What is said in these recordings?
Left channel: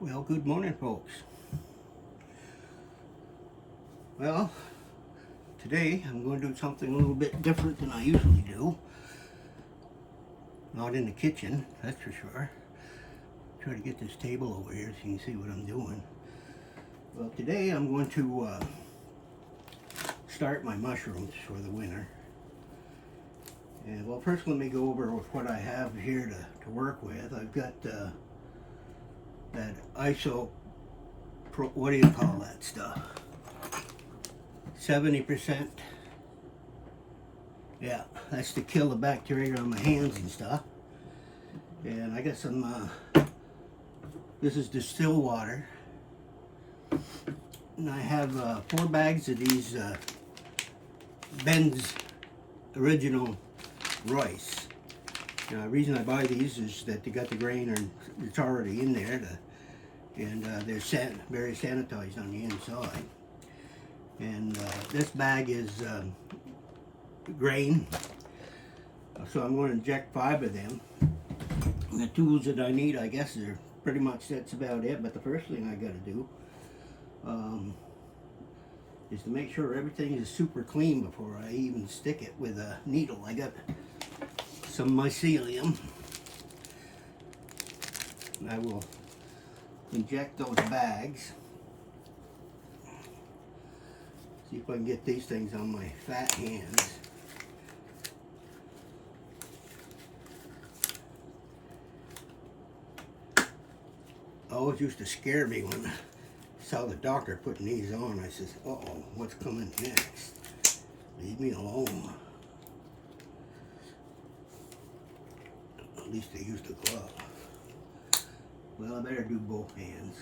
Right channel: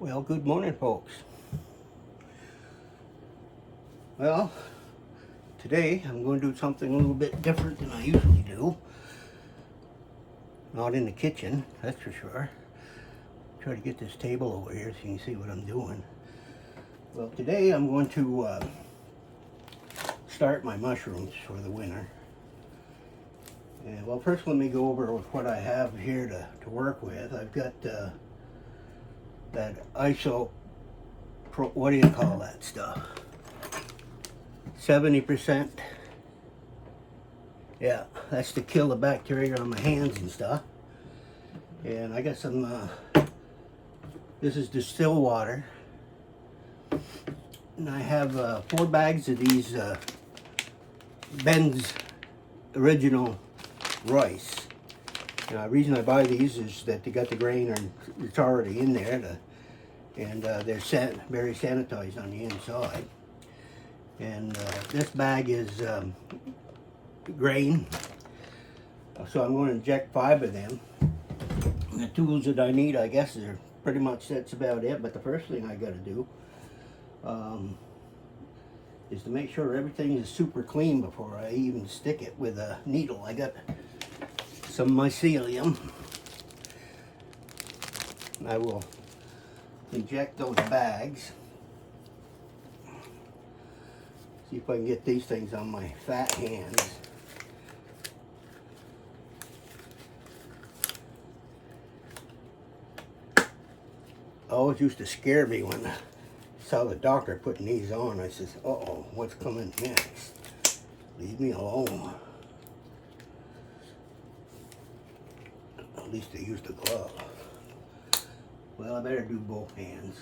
Well, good morning, folks. Well, today I'm going to do something a little bit different than I usually do. Not in the kitchen, that's for sure. Try to get this table over here so you can see what I'm doing. Well, today I'm going to start my mushrooms for the winter. And well, first let me go over with what I have here to work with. I've got that what do you call that stuff? 70%. Yeah, that's to kill the bacteria on my hands and stuff. And I got some, this is distilled water. And I have 4 bags of these Ben's original rice. Now, the reason I buy these is that they got the grain and it's already in there, and they're very sanitized on the inside. And this bag is grain, so I'm going to inject 5 of them. And the tools that I need, I guess, are pretty much that's about it. But the first thing I got to do is to make sure everything is super clean before I even stick it with a needle. I got some mycelium. I will inject those bags. See if I can get these things on my fat hands. Always used to scare me when I saw the doctor putting these on. I says, uh-oh, what's coming next? Leave me alone. At least they used a glove. Well, I better do both hands.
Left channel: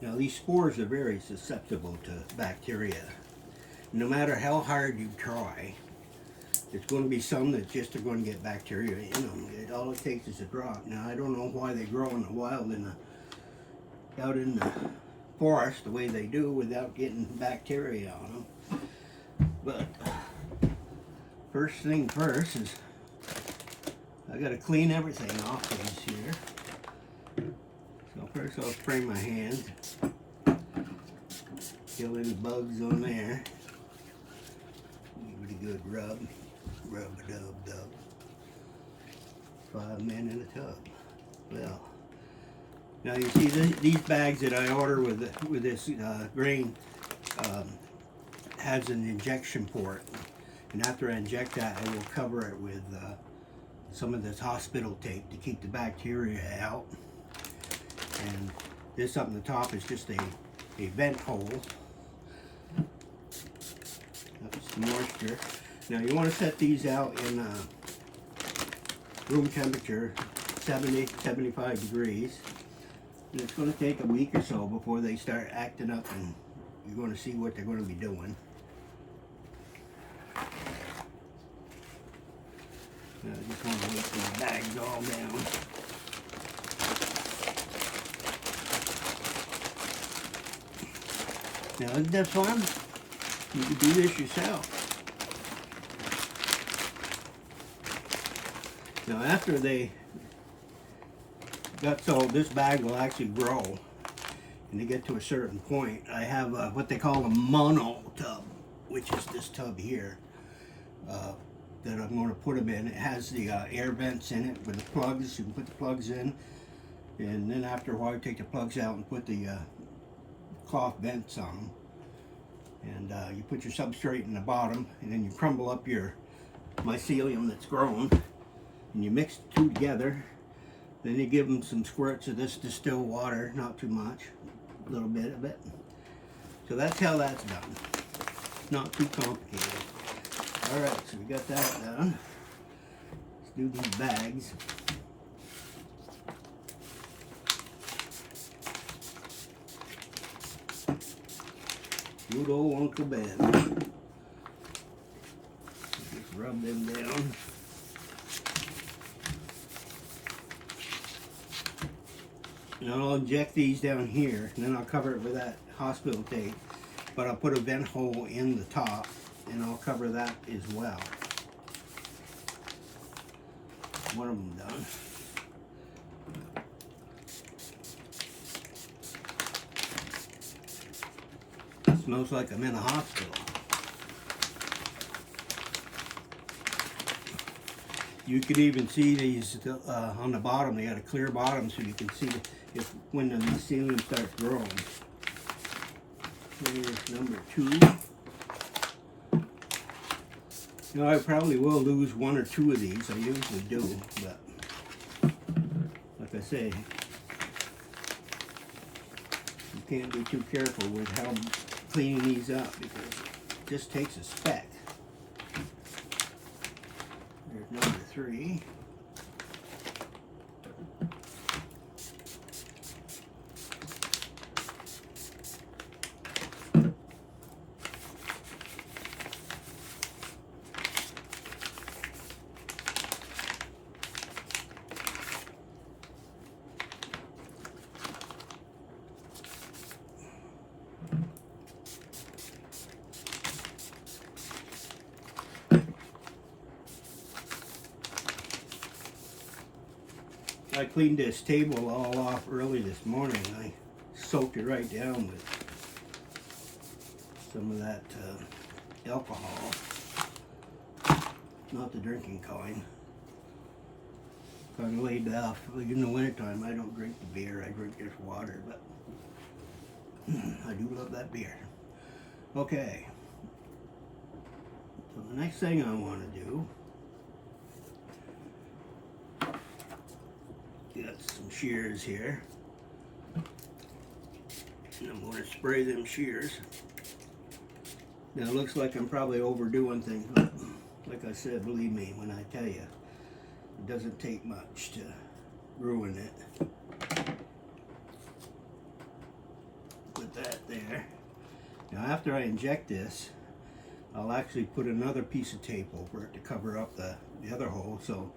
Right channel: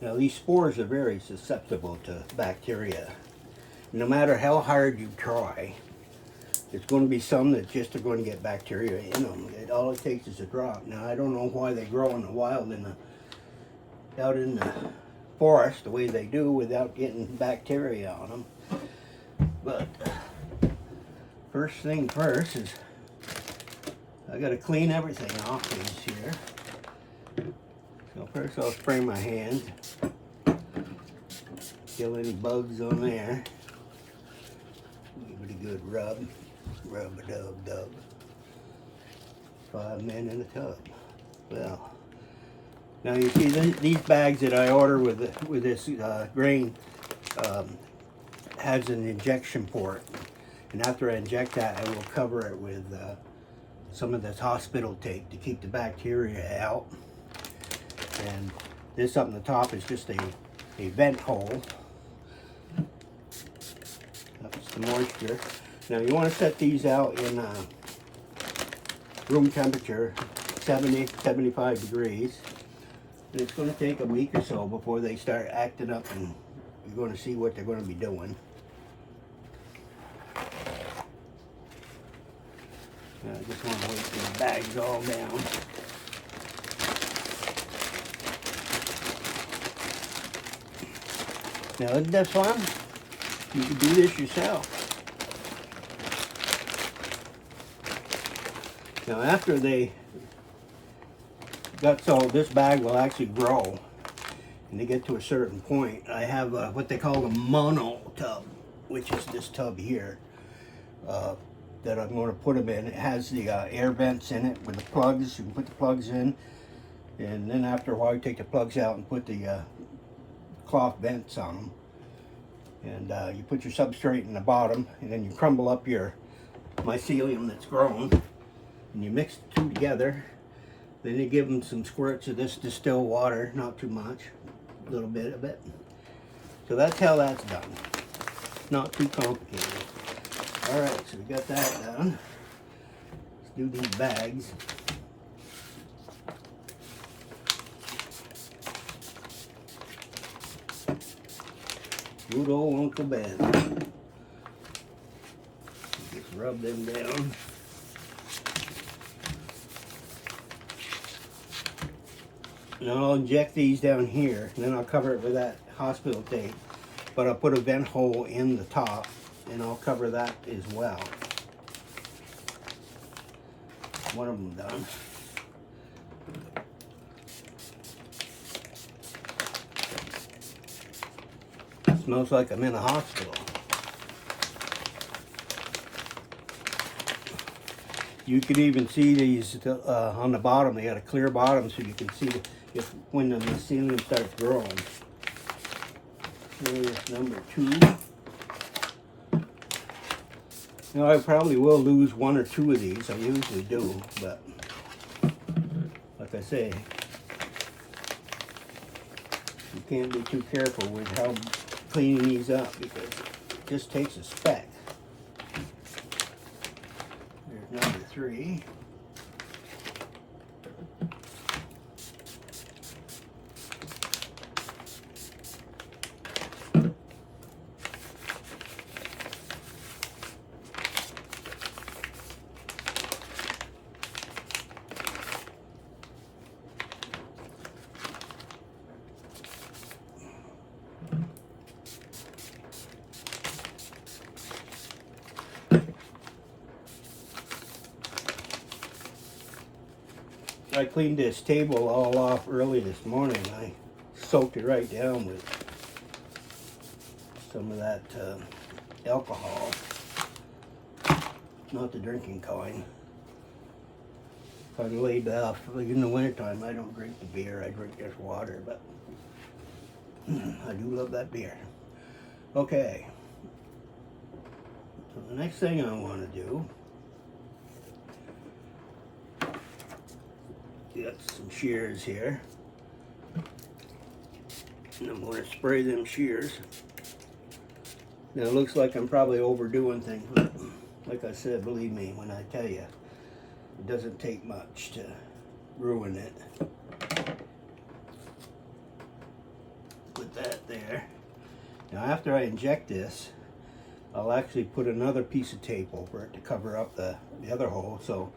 Now, these spores are very susceptible to bacteria. No matter how hard you try, there's going to be some that just are going to get bacteria in them. All it takes is a drop. Now, I don't know why they grow in the wild out in the forest the way they do without getting bacteria on them. But first thing first is I got to clean everything off these here. So first I'll spray my hands. Kill any bugs on there. Give it a good rub. Rub-a-dub-dub. 5 men in a tub. Well, now you see these bags that I order with this grain has an injection port. And after I inject that, I will cover it with some of this hospital tape to keep the bacteria out. And this up on the top is just a vent hole. That's the moisture. Now you want to set these out in room temperature, 70, 75 degrees. And it's going to take a week or so before they start acting up, and you're going to see what they're going to be doing. I just want to wait till the bag's all down. Now, isn't that fun? You can do this yourself. Now, after this bag will actually grow, and they get to a certain point. I have what they call a mono tub, which is this tub here, that I'm going to put them in. It has the air vents in it with the plugs. You can put the plugs in, and then after a while, you take the plugs out and put the cloth vents on them. And you put your substrate in the bottom, and then you crumble up your mycelium that's grown, and you mix the two together. Then you give them some squirts of this distilled water, not too much, a little bit of it. So that's how that's done. Not too complicated. All right, so we got that done. Let's do these bags. Good old Uncle Ben. Just rub them down. And I'll inject these down here, and then I'll cover it with that hospital tape. But I'll put a vent hole in the top, and I'll cover that as well. One of them done. Smells like I'm in a hospital. You can even see these on the bottom. They got a clear bottom, so you can see if when the mycelium starts growing. There's number 2. Now I probably will lose 1 or 2 of these. I usually do, but like I say, you can't be too careful with how cleaning these up because it just takes a speck. There's number 3. I cleaned this table all off early this morning. I soaked it right down with some of that alcohol, not the drinking kind. If I'm laid off in the wintertime, I don't drink the beer. I drink just water, but I do love that beer. Okay, so the next thing I want to do, got some shears here. And I'm going to spray them shears. Now it looks like I'm probably overdoing things, but like I said, believe me when I tell you, it doesn't take much to ruin it. Put that there. Now after I inject this, I'll actually put another piece of tape over it to cover up the other hole so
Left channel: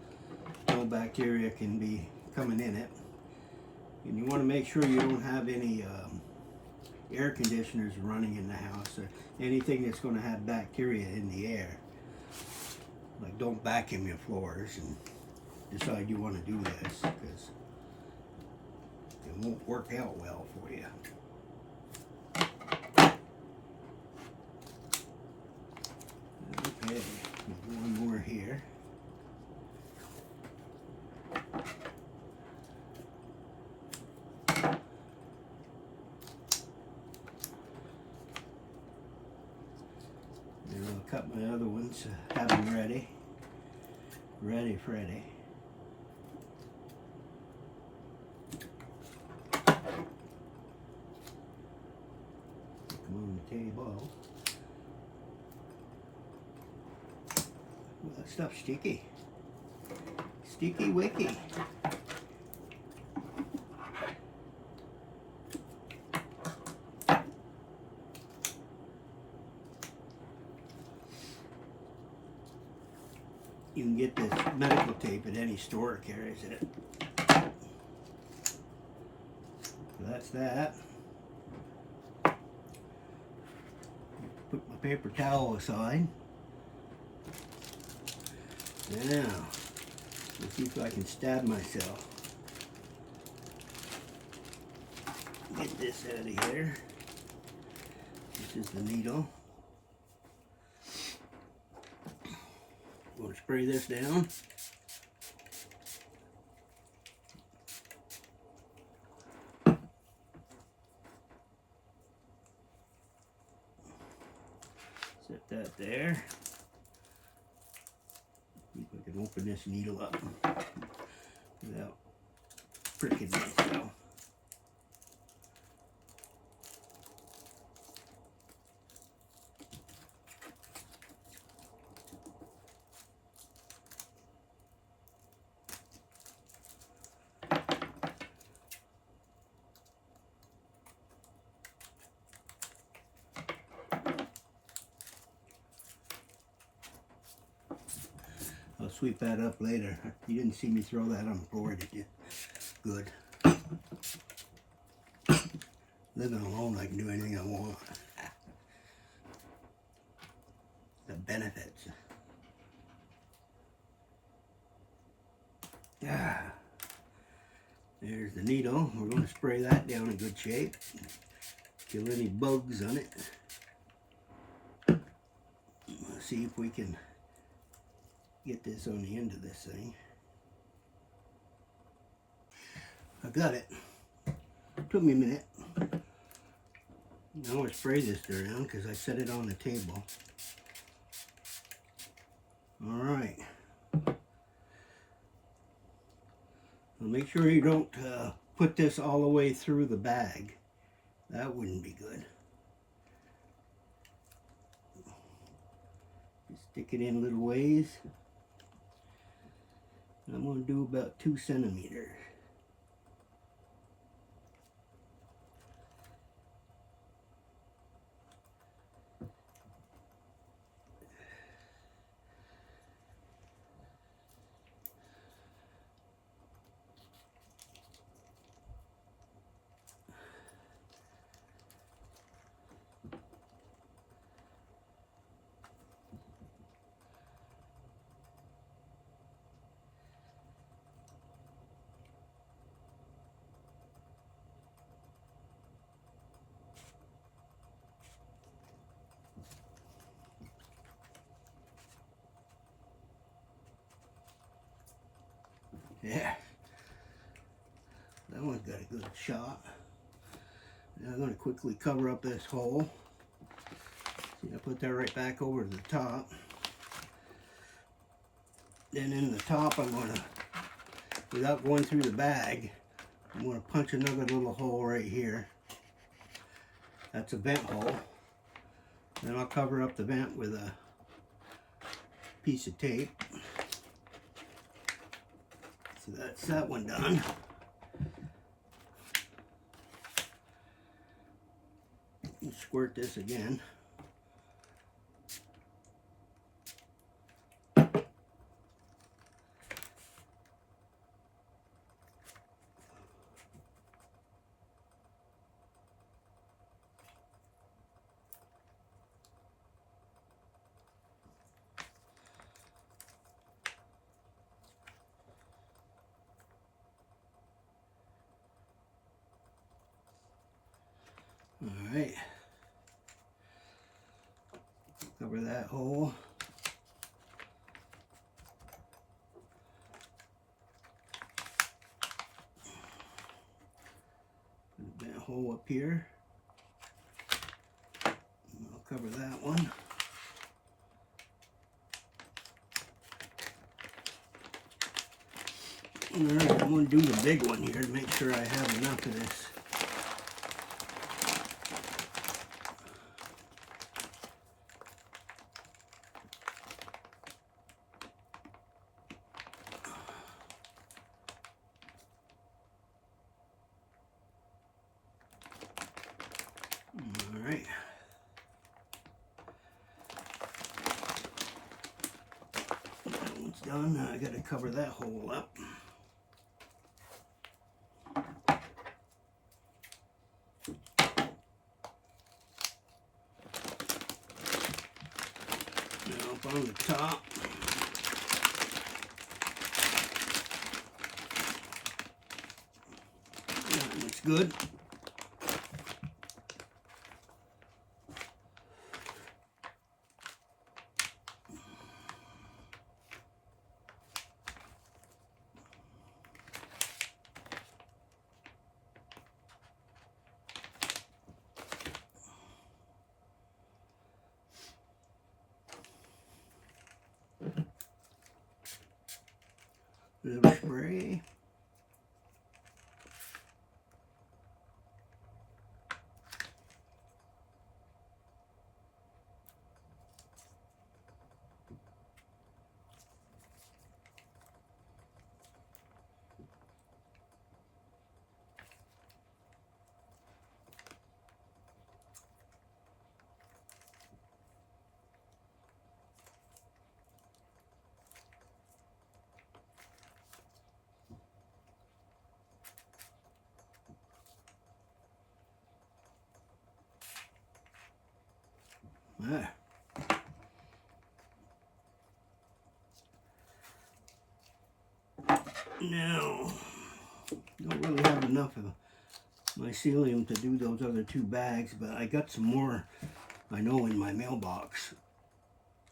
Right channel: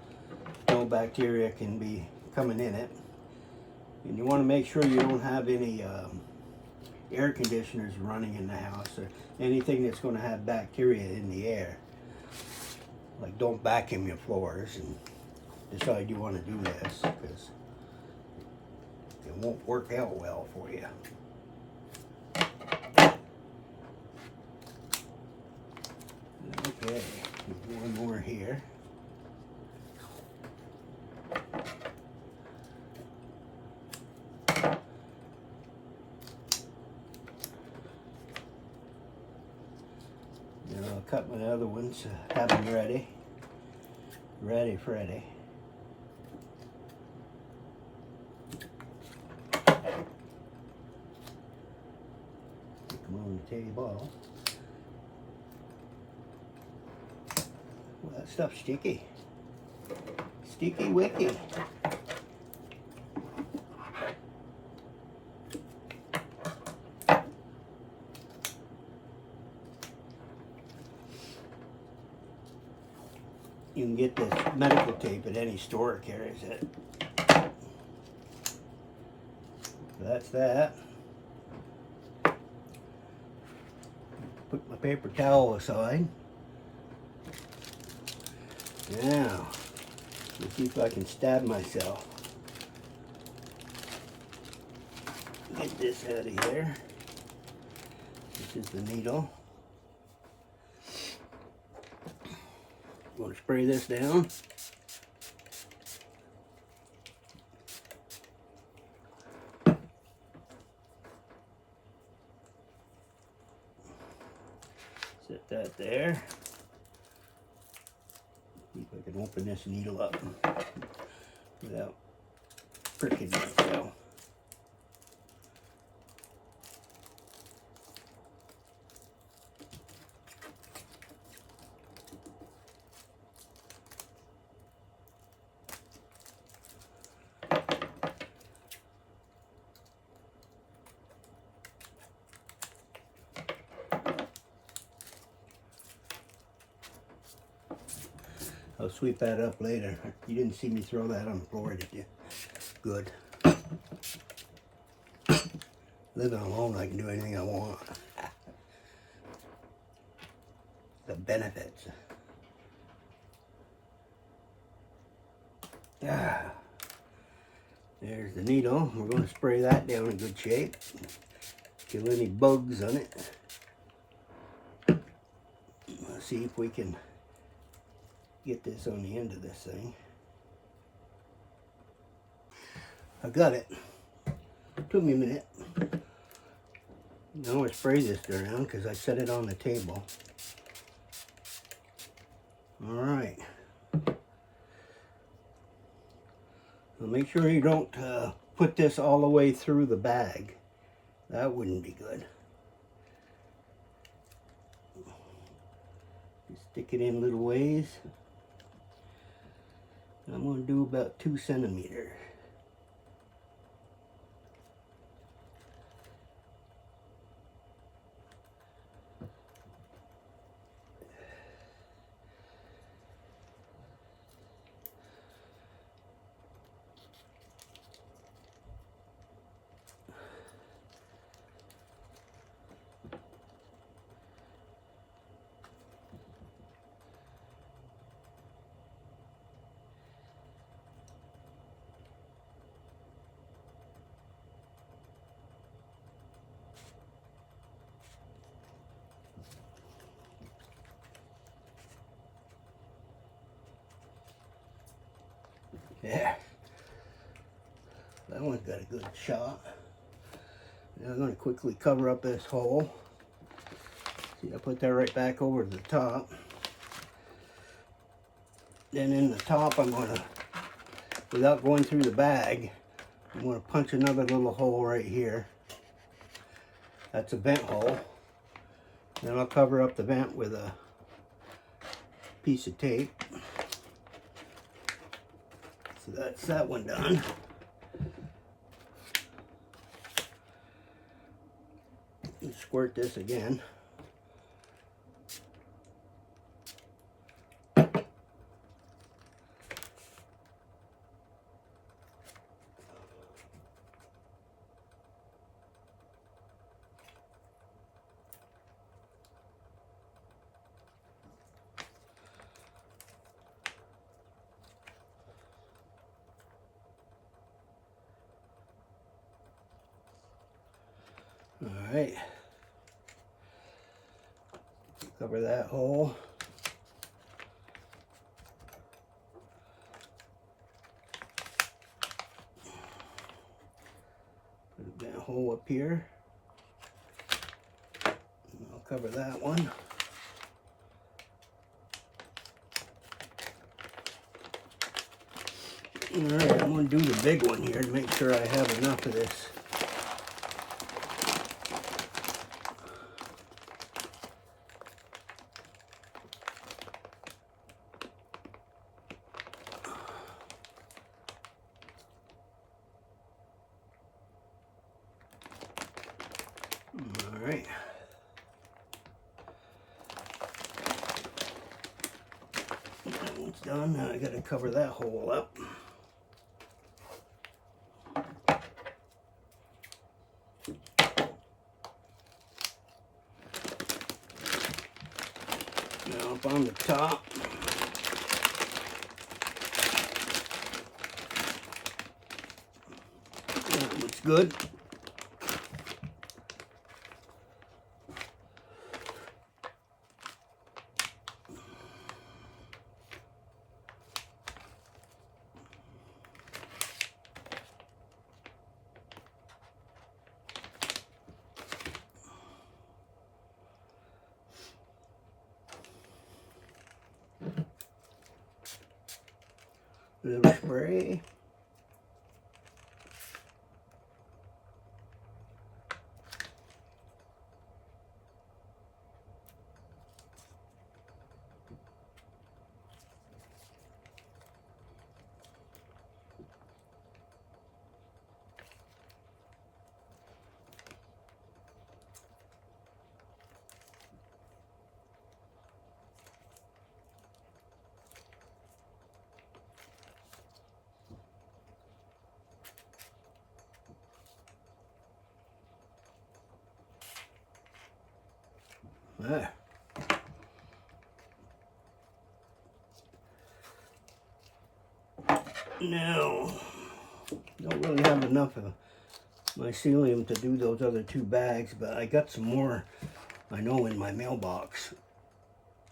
no bacteria can be coming in it. And you want to make sure you don't have any air conditioners running in the house or anything that's going to have bacteria in the air. Like, don't vacuum your floors and decide you want to do this because it won't work out well for you. Okay, one more here. Then I'll cut my other ones, have them ready. Ready, Freddy. Put them on the table. Well, that stuff's sticky. Sticky wicky. You can get this medical tape at any store that carries it. So that's that. Put my paper towel aside. Now, let's see if I can stab myself. Get this out of here. This is the needle. I'm going to spray this down. Set that there. See if I can open this needle up without pricking myself. I'll sweep that up later. You didn't see me throw that on the floor, did you? Good. Living alone, I can do anything I want. The benefits. Ah. There's the needle. We're going to spray that down in good shape. Kill any bugs on it. Let's see if we can get this on the end of this thing. I got it. Took me a minute. Now I spray this around because I set it on the table. Alright. So make sure you don't put this all the way through the bag. That wouldn't be good. Just stick it in little ways. I'm going to do about 2 centimeters. Yeah, that one's got a good shot. Now I'm going to quickly cover up this hole. See, I put that right back over to the top. Then in the top, I'm going to, without going through the bag, I'm going to punch another little hole right here. That's a vent hole. Then I'll cover up the vent with a piece of tape. So that's that one done. And squirt this again. All right, cover that hole. Put that hole up here. And I'll cover that one. All right, I'm going to do the big one here to make sure I have enough of this. All right. That one's done. Now I got to cover that hole up. Now up on the top. That looks good. Little spray. There. Now, don't really have enough of mycelium to do those other 2 bags, but I got some more, I know, in my mailbox.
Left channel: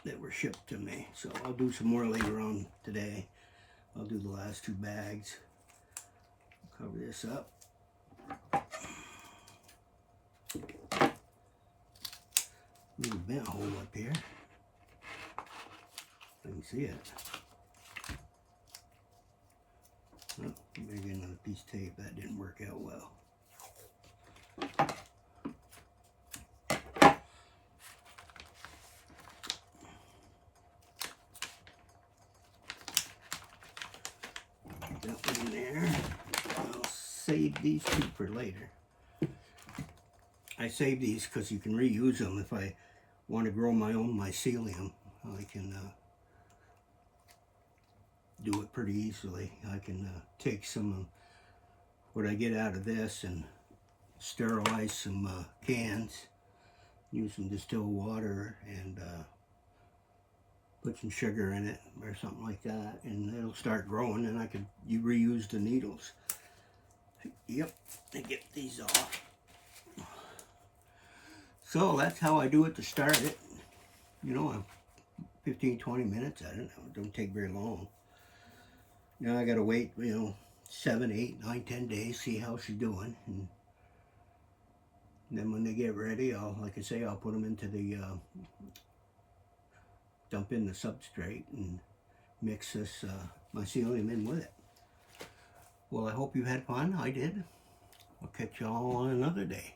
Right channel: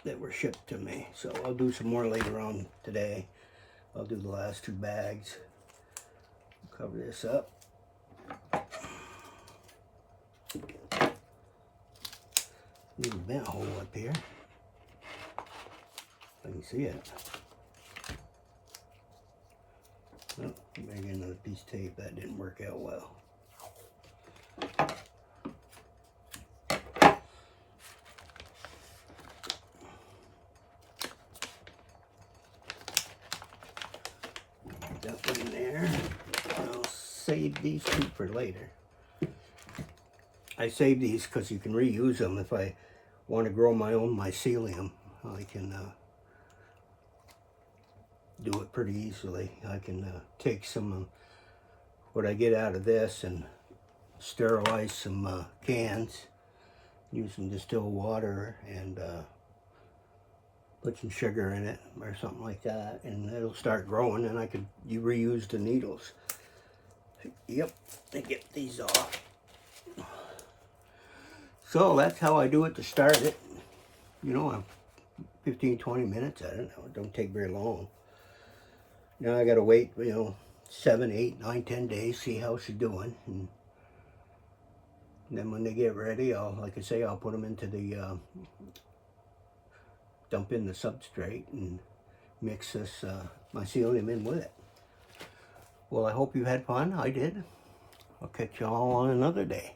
that were shipped to me. So I'll do some more later on today. I'll do the last 2 bags. Cover this up. Need a vent hole up here. I can see it. Oh, better get another piece of tape. That didn't work out well. That one in there. I'll save these 2 for later. I save these because you can reuse them. If I want to grow my own mycelium, I can do it pretty easily. I can take some of what I get out of this and sterilize some cans, use some distilled water, and put some sugar in it or something like that, and it'll start growing, and I could reuse the needles. Yep, and get these off. So that's how I do it to start it. You know, 15-20 minutes. I don't know. It don't take very long. Now I gotta wait, you know, 7, 8, 9, 10 days, see how she's doing, and then when they get ready, like I say, I'll put them into the dump in the substrate and mix this mycelium in with it. Well, I hope you had fun. I did. I'll catch you all on another day.